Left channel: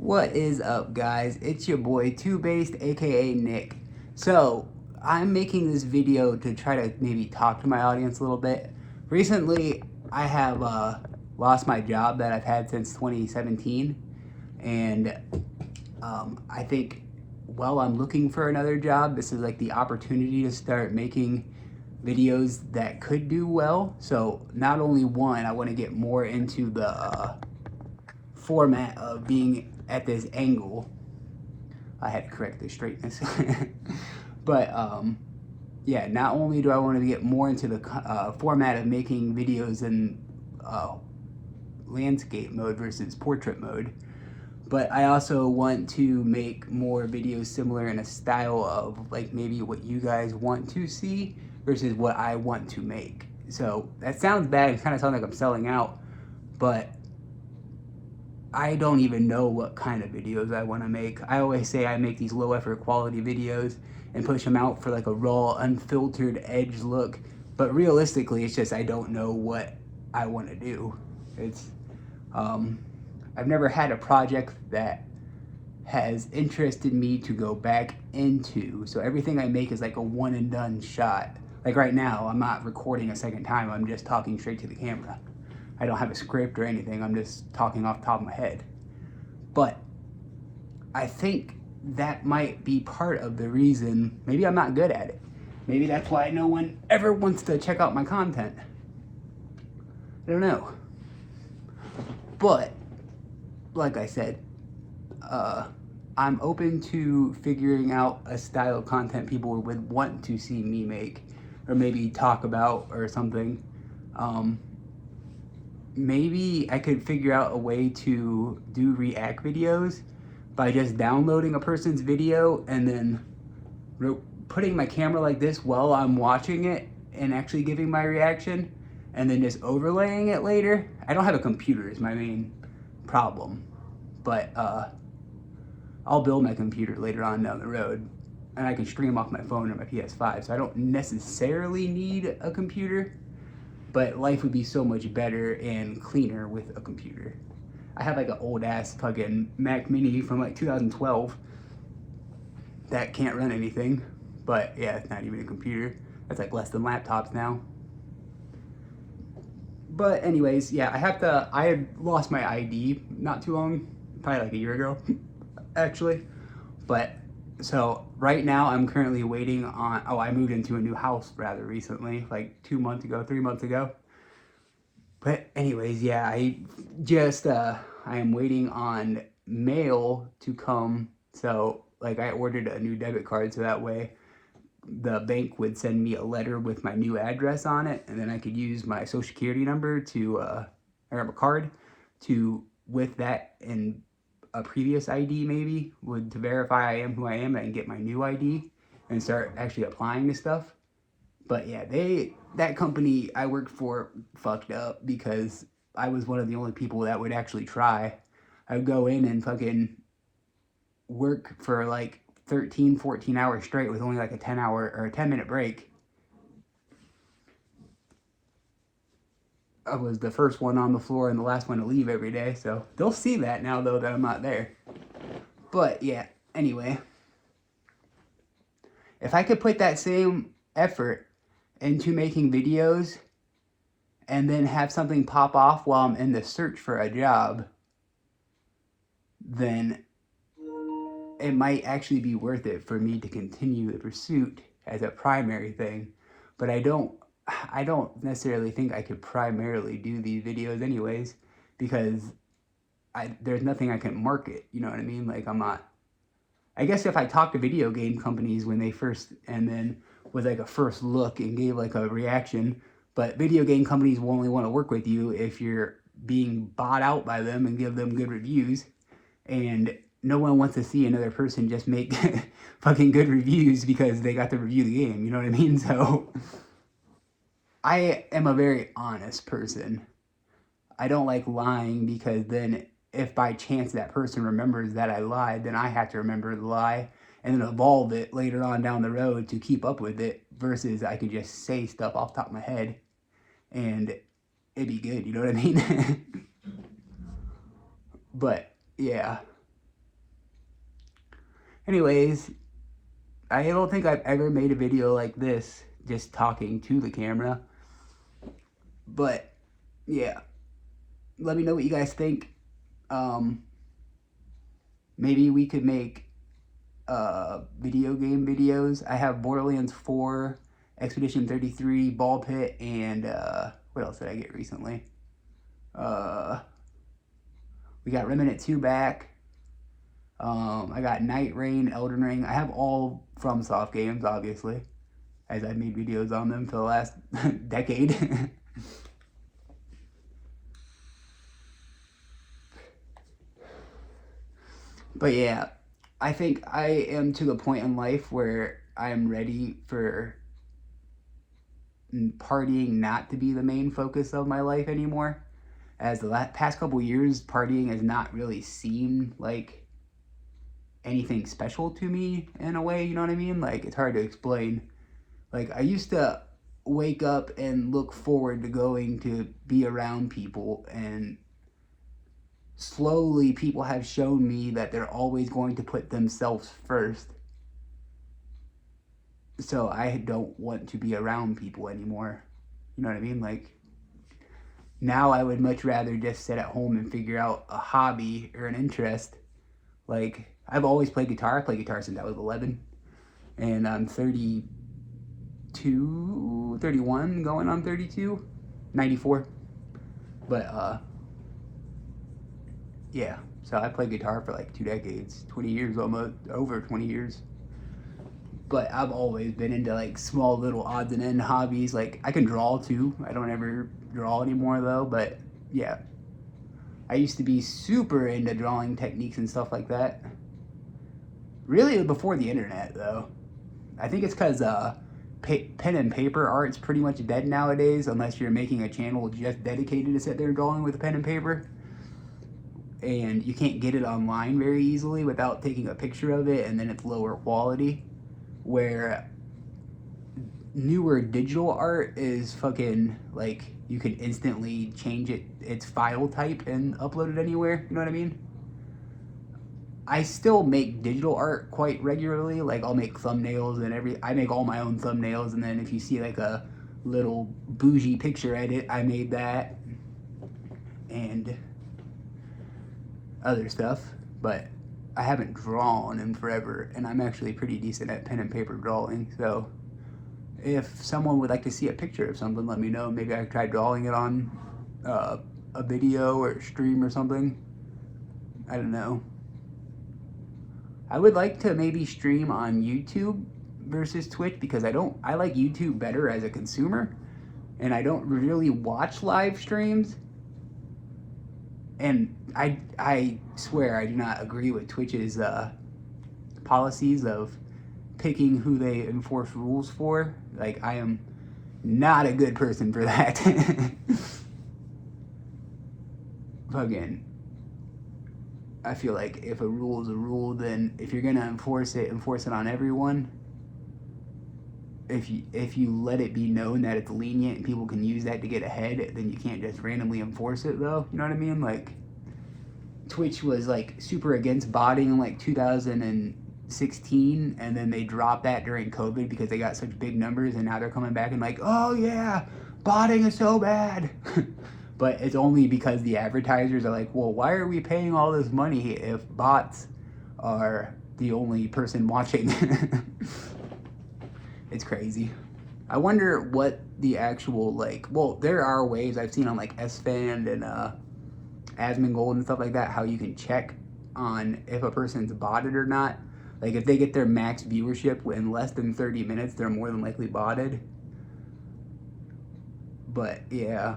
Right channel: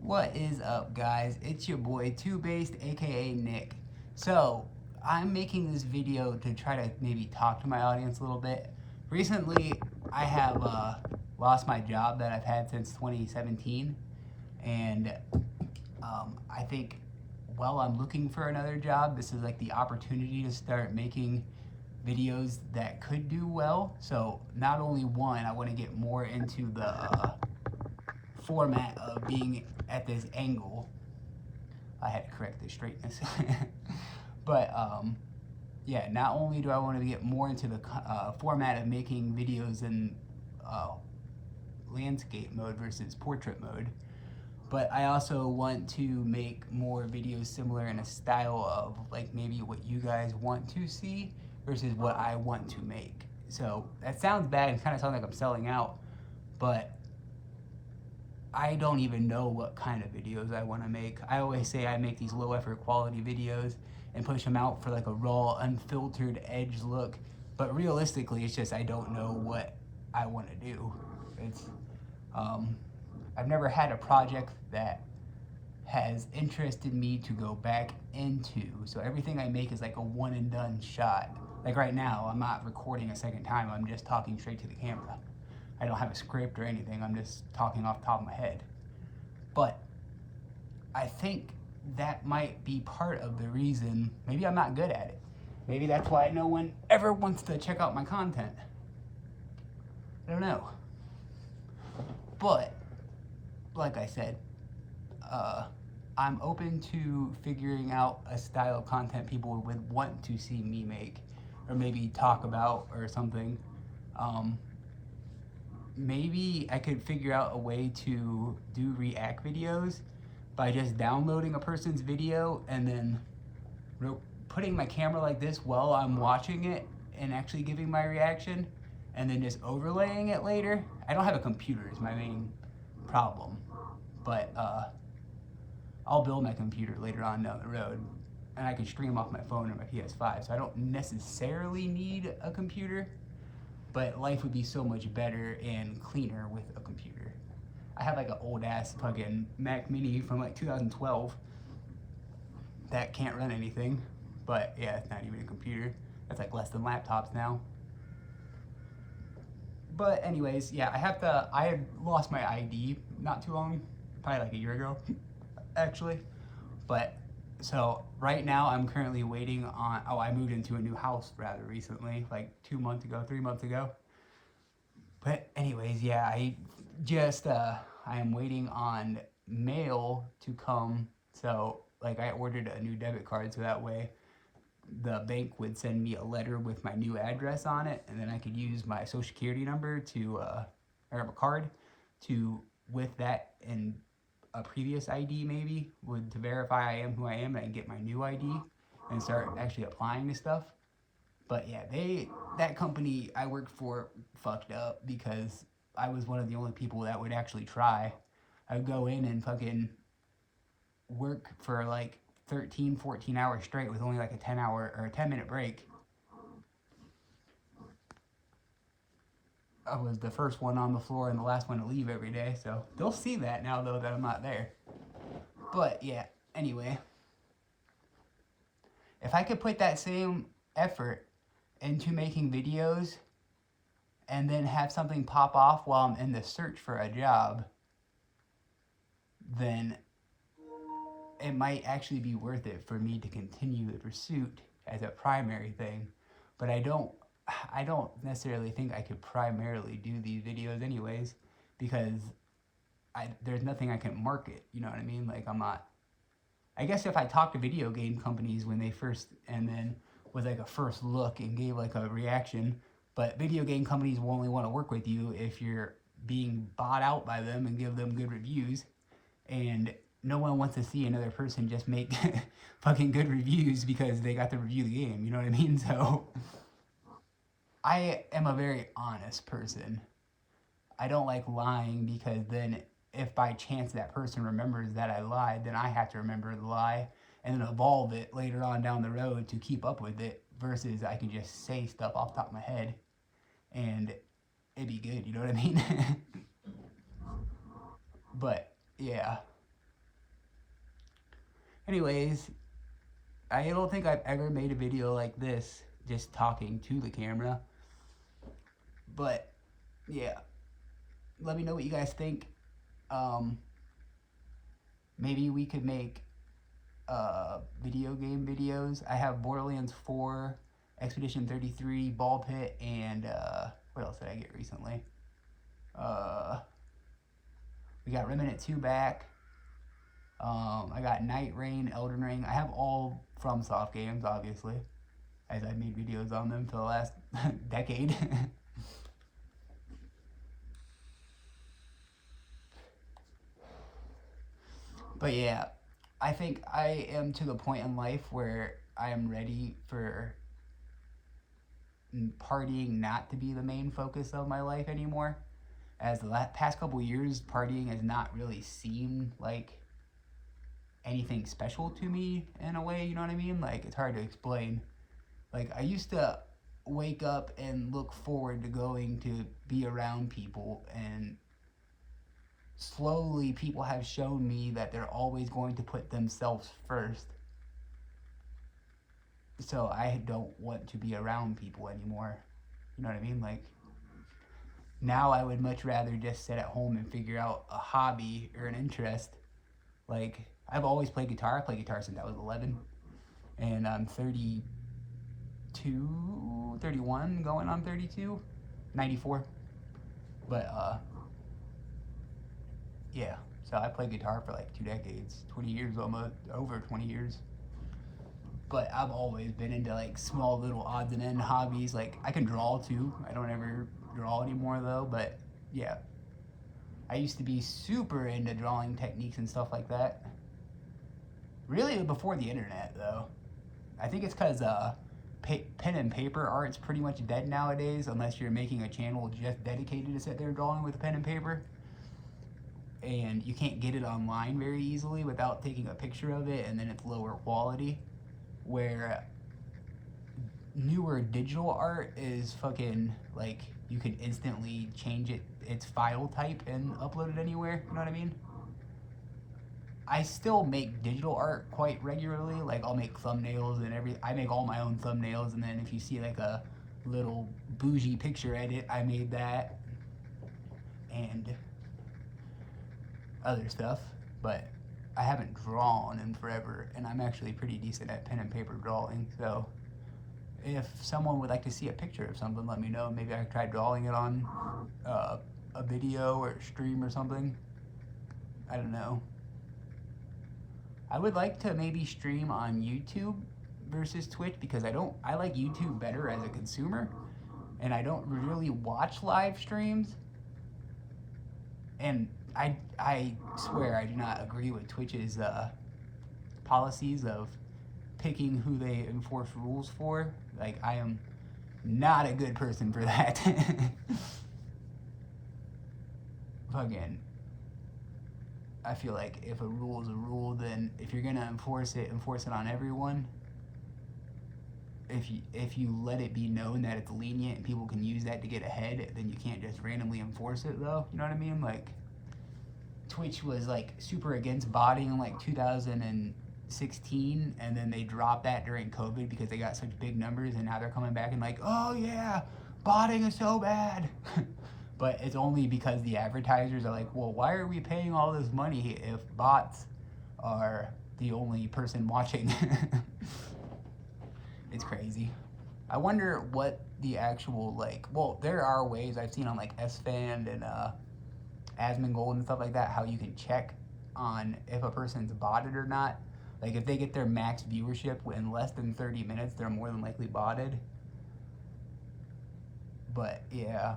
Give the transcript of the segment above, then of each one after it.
What is up, guys? It's your boy 2Bassed, aka Nick. So, I'm making this video to try to maybe talk to my audience a little bit. Recently, I have lost my job that I've had since 2017, and I think while I'm looking for another job, this is like the opportunity to start making videos that could do well. So, not only one, I want to get more into the format of being at this angle. I had to correct the straightness. But yeah, not only do I want to get more into the format of making videos in landscape mode versus portrait mode, but I also want to make more videos similar in a style of like maybe what you guys want to see versus what I want to make. So that sounds bad, it kind of sounds like I'm selling out, but I don't even know what kind of videos I want to make. I always say I make these low effort quality videos and push them out for like a raw, unfiltered edge look. But realistically, it's just I don't know what I want to do. It's I've never had a project that has interested me to go back into. So everything I make is like a one and done shot. Like right now, I'm not recording a second time. I'm just talking straight to the camera. I don't have a script or anything. I'm just talking off the top of my head. But I think that might be part of the reason. Maybe I'm not good at it. Maybe that's why no one ever wants to check out my content. I don't know. But like I said, I'm open to figuring out a style of content people would want to see me make or maybe talk about or something. Maybe I could figure out a way to do react videos by just downloading a person's video and then putting my camera like this while I'm watching it and actually giving my reaction and then just overlaying it later. I don't have a computer is my main problem, but I'll build my computer later on down the road and I can stream off my phone or my PS5, so I don't necessarily need a computer. But life would be so much better and cleaner with a computer. I have like an old ass fucking Mac Mini from like 2012 that can't run anything. But yeah, it's not even a computer. That's like less than laptops now. But anyways, yeah, I had lost my ID not too long, probably like a year ago, actually. But so right now I'm currently waiting on, I moved into a new house rather recently, like 2 months ago, 3 months ago. But anyways, yeah, I am waiting on mail to come. So like I ordered a new debit card so that way the bank would send me a letter with my new address on it, and then I could use my social security number to, or a card to, with that and a previous ID maybe, to verify I am who I am and get my new ID and start actually applying to stuff. But yeah, that company I worked for fucked up because I was one of the only people that would actually try. I would go in and fucking work for like 13, 14 hours straight with only like a 10-hour or a 10-minute break. I was the first one on the floor and the last one to leave every day, so they'll see that now though that I'm not there. But yeah, anyway, if I could put that same effort into making videos and then have something pop off while I'm in the search for a job, then it might actually be worth it for me to continue the pursuit as a primary thing. But I don't necessarily think I could primarily do these videos anyways, because there's nothing I can market, you know what I mean? Like I guess if I talked to video game companies when they first, and then with like a first look and gave like a reaction, but video game companies will only want to work with you if you're being bought out by them and give them good reviews, and no one wants to see another person just make fucking good reviews because they got to review the game, you know what I mean? So I am a very honest person. I don't like lying because then if by chance that person remembers that I lied, then I have to remember the lie and then evolve it later on down the road to keep up with it, versus I can just say stuff off the top of my head and it'd be good, you know what I mean? But yeah, Anyways, I don't think I've ever made a video like this, just talking to the camera. But yeah, let me know what you guys think. Maybe we could make video game videos. I have Borderlands 4, Expedition 33, Ball Pit, and what else did I get recently? We got Remnant 2 back. I got Night Rain, Elden Ring. I have all FromSoft games, obviously, as I've made videos on them for the last decade. But yeah, I think I am to the point in life where I am ready for partying not to be the main focus of my life anymore. As the past couple years, partying has not really seemed like anything special to me in a way, you know what I mean? Like, it's hard to explain. Like, I used to wake up and look forward to going to be around people, and slowly people have shown me that they're always going to put themselves first. So I don't want to be around people anymore. You know what I mean? Like, now I would much rather just sit at home and figure out a hobby or an interest. Like, I've always played guitar. I played guitar since I was 11. And I'm 32, 31, going on 32, 94. But, yeah. So I played guitar for like 2 decades, 20 years almost, over 20 years. But I've always been into like small little odds and end hobbies. Like, I can draw too. I don't ever draw anymore though, but yeah. I used to be super into drawing techniques and stuff like that. Really before the internet though. I think it's because pen and paper art's pretty much dead nowadays, unless you're making a channel just dedicated to sit there drawing with a pen and paper. And you can't get it online very easily without taking a picture of it, and then it's lower quality. Where newer digital art is fucking, like, you can instantly change its file type and upload it anywhere, you know what I mean? I still make digital art quite regularly. Like, I'll make thumbnails and I make all my own thumbnails, and then if you see like a little bougie picture edit, I made that, and other stuff. But I haven't drawn in forever, and I'm actually pretty decent at pen and paper drawing. So if someone would like to see a picture of something, let me know. Maybe I could try drawing it on a video or a stream or something. I don't know. I would like to maybe stream on YouTube versus Twitch, because I like YouTube better as a consumer, and I don't really watch live streams. And I swear I do not agree with Twitch's policies of picking who they enforce rules for. Like, I am not a good person for that. Fucking, I feel like if a rule is a rule, then if you're gonna enforce it on everyone. If you let it be known that it's lenient and people can use that to get ahead, then you can't just randomly enforce it though. You know what I mean? Like, Twitch was like super against botting in like 2016, and then they dropped that during COVID because they got such big numbers, and now they're coming back and like, oh yeah, botting is so bad. But it's only because the advertisers are like, well, why are we paying all this money if bots are the only person watching? It's crazy. I wonder what the actual, like, well, there are ways I've seen on like SFan and Asmongold and stuff like that, how you can check on if a person's botted or not. Like, if they get their max viewership in less than 30 minutes, they're more than likely botted. But yeah.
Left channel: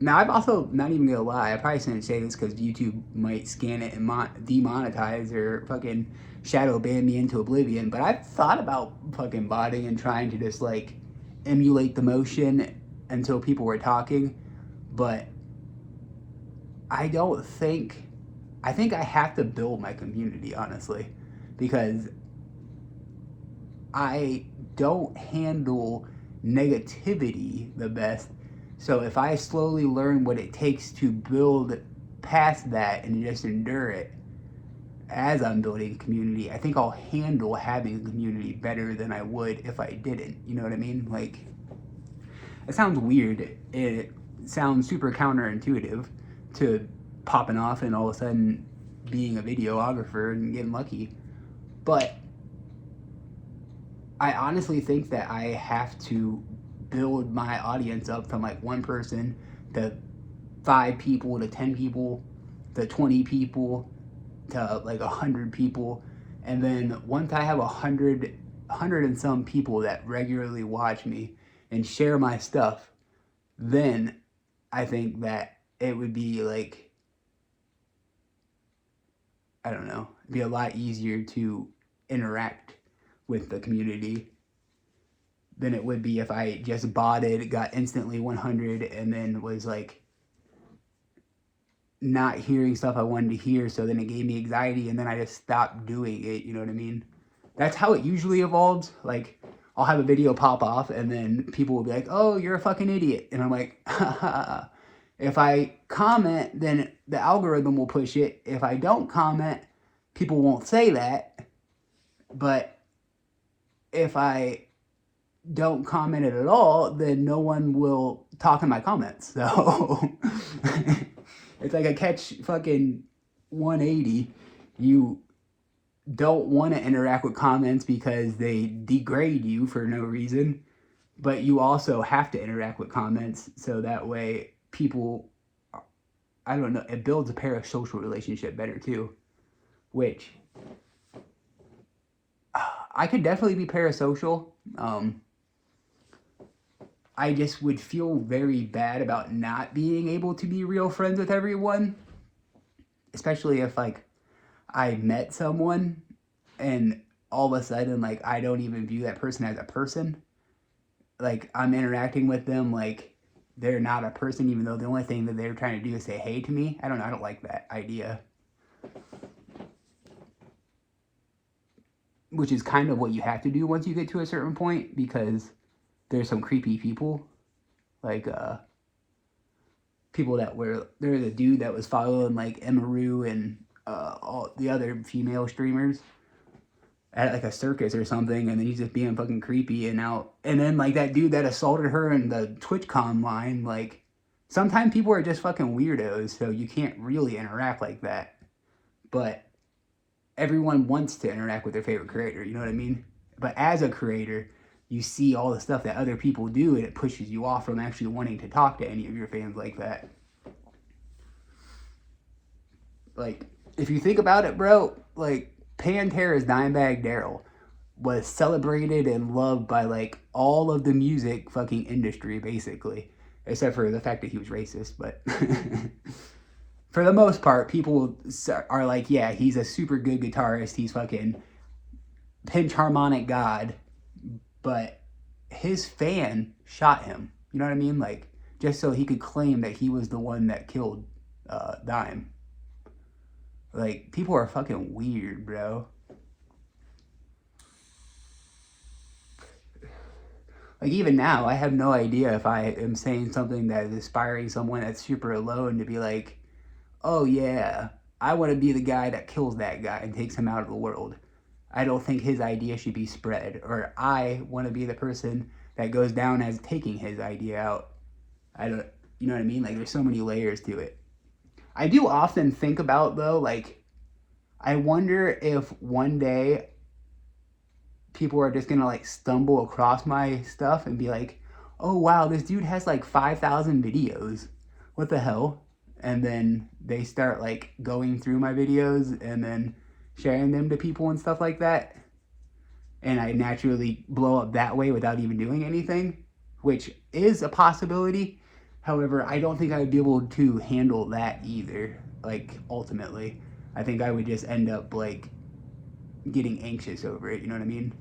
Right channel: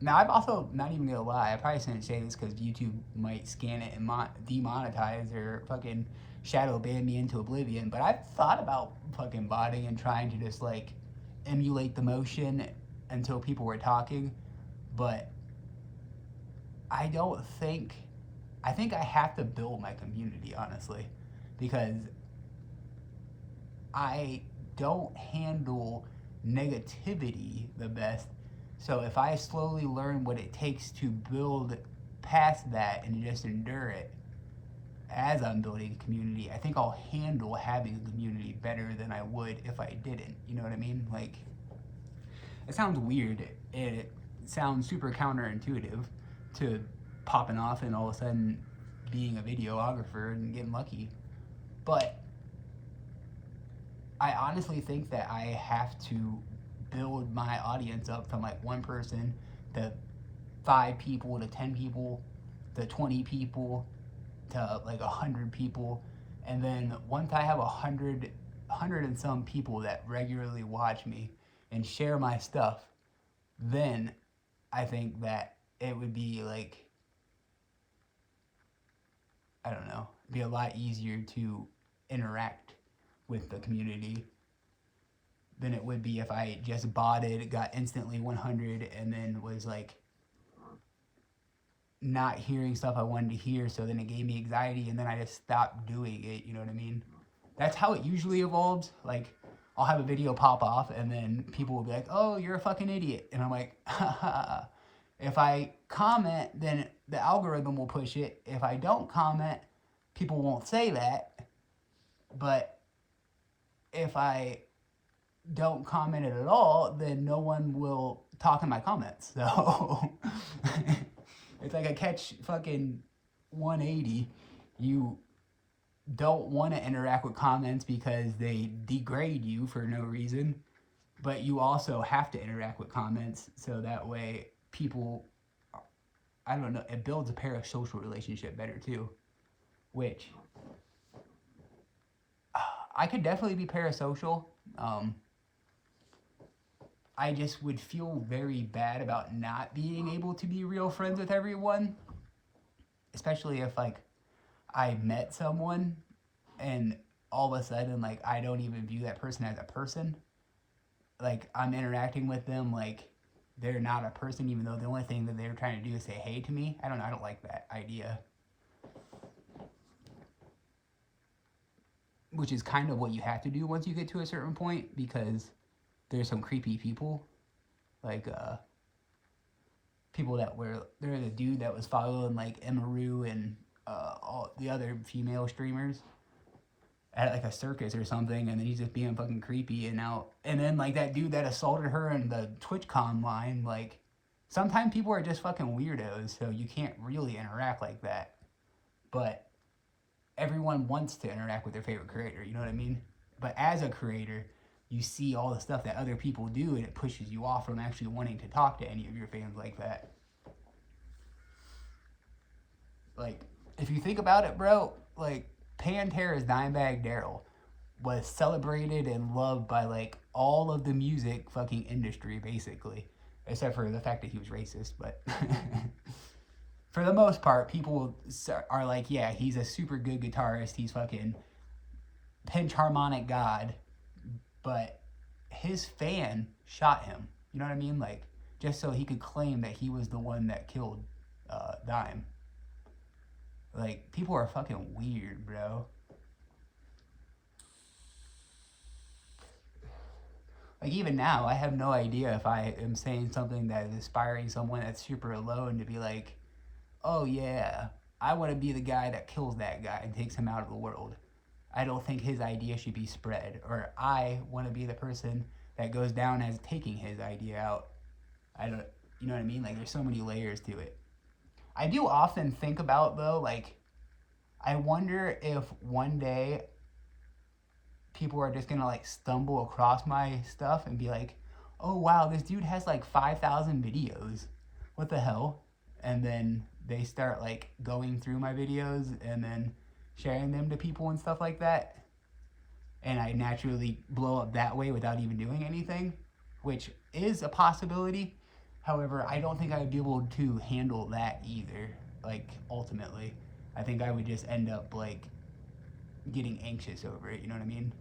Now, I've also, not even gonna lie, I probably shouldn't say this because YouTube might scan it and demonetize or fucking shadow ban me into oblivion, but I've thought about fucking botting and trying to just like emulate the motion until people were talking, but I think I have to build my community, honestly, because I don't handle negativity the best. So if I slowly learn what it takes to build past that and just endure it, as I'm building a community, I think I'll handle having a community better than I would if I didn't. You know what I mean? Like, it sounds weird. It sounds super counterintuitive to popping off and all of a sudden being a videographer and getting lucky. But I honestly think that I have to build my audience up from like one person to 5 people to 10 people to 20 people to like 100 people. And then once I have 100 and some people that regularly watch me and share my stuff, then I think that it would be like, I don't know, it'd be a lot easier to interact with the community than it would be if I just botted, got instantly 100, and then was like not hearing stuff I wanted to hear, so then it gave me anxiety, and then I just stopped doing it. You know what I mean? That's how it usually evolves. Like, I'll have a video pop off, and then people will be like, oh, you're a fucking idiot. And I'm like, haha. If I comment, then the algorithm will push it. If I don't comment, people won't say that. But if I don't comment it at all, then no one will talk in my comments. So it's like a catch fucking 180. You don't want to interact with comments because they degrade you for no reason, but you also have to interact with comments so that way people, I don't know, it builds a parasocial relationship better too, which I could definitely be parasocial. I just would feel very bad about not being able to be real friends with everyone, especially if like I met someone and all of a sudden like I don't even view that person as a person. Like, I'm interacting with them like they're not a person, even though the only thing that they're trying to do is say hey to me. I don't like that idea. Which is kind of what you have to do once you get to a certain point, because there's some creepy people, like people that were, there's a dude that was following like Emaru and all the other female streamers at like a circus or something, and then he's just being fucking creepy and out. And then like that dude that assaulted her in the TwitchCon line, like sometimes people are just fucking weirdos, so you can't really interact like that. But everyone wants to interact with their favorite creator, you know what I mean? But as a creator, you see all the stuff that other people do, and it pushes you off from actually wanting to talk to any of your fans like that. Like, if you think about it, bro, like, Pantera's Dimebag Darrell was celebrated and loved by, like, all of the music fucking industry, basically. Except for the fact that he was racist, but... for the most part, people are like, yeah, he's a super good guitarist, he's fucking pinch harmonic god, but his fan shot him, you know what I mean? Like, just so he could claim that he was the one that killed Dime. Like, people are fucking weird, bro. Like, even now, I have no idea if I am saying something that is inspiring someone that's super alone to be like, oh yeah, I want to be the guy that kills that guy and takes him out of the world. I don't think his idea should be spread. Or I want to be the person that goes down as taking his idea out. I don't, you know what I mean? Like, there's so many layers to it. I do often think about, though, like, I wonder if one day people are just gonna, like, stumble across my stuff and be like, oh wow, this dude has like 5,000 videos. What the hell? And then they start like going through my videos and then sharing them to people and stuff like that. And I naturally blow up that way without even doing anything, which is a possibility. However, I don't think I would be able to handle that either. Like, ultimately, I think I would just end up like getting anxious over it. You know what I mean?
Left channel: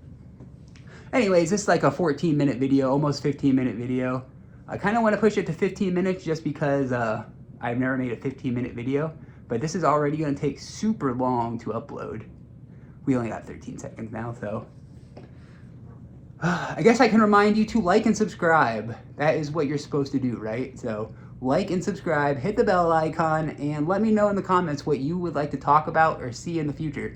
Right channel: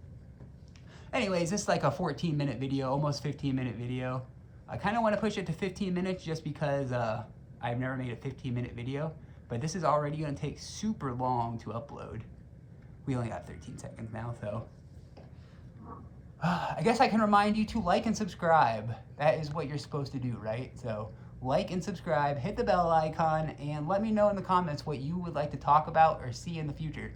Anyways, this is like a 14-minute video, almost 15-minute video. I kind of want to push it to 15 minutes just because I've never made a 15-minute video, but this is already going to take super long to upload. We only got 13 seconds now, so I guess I can remind you to like and subscribe. That is what you're supposed to do, right? So like and subscribe, hit the bell icon, and let me know in the comments what you would like to talk about or see in the future.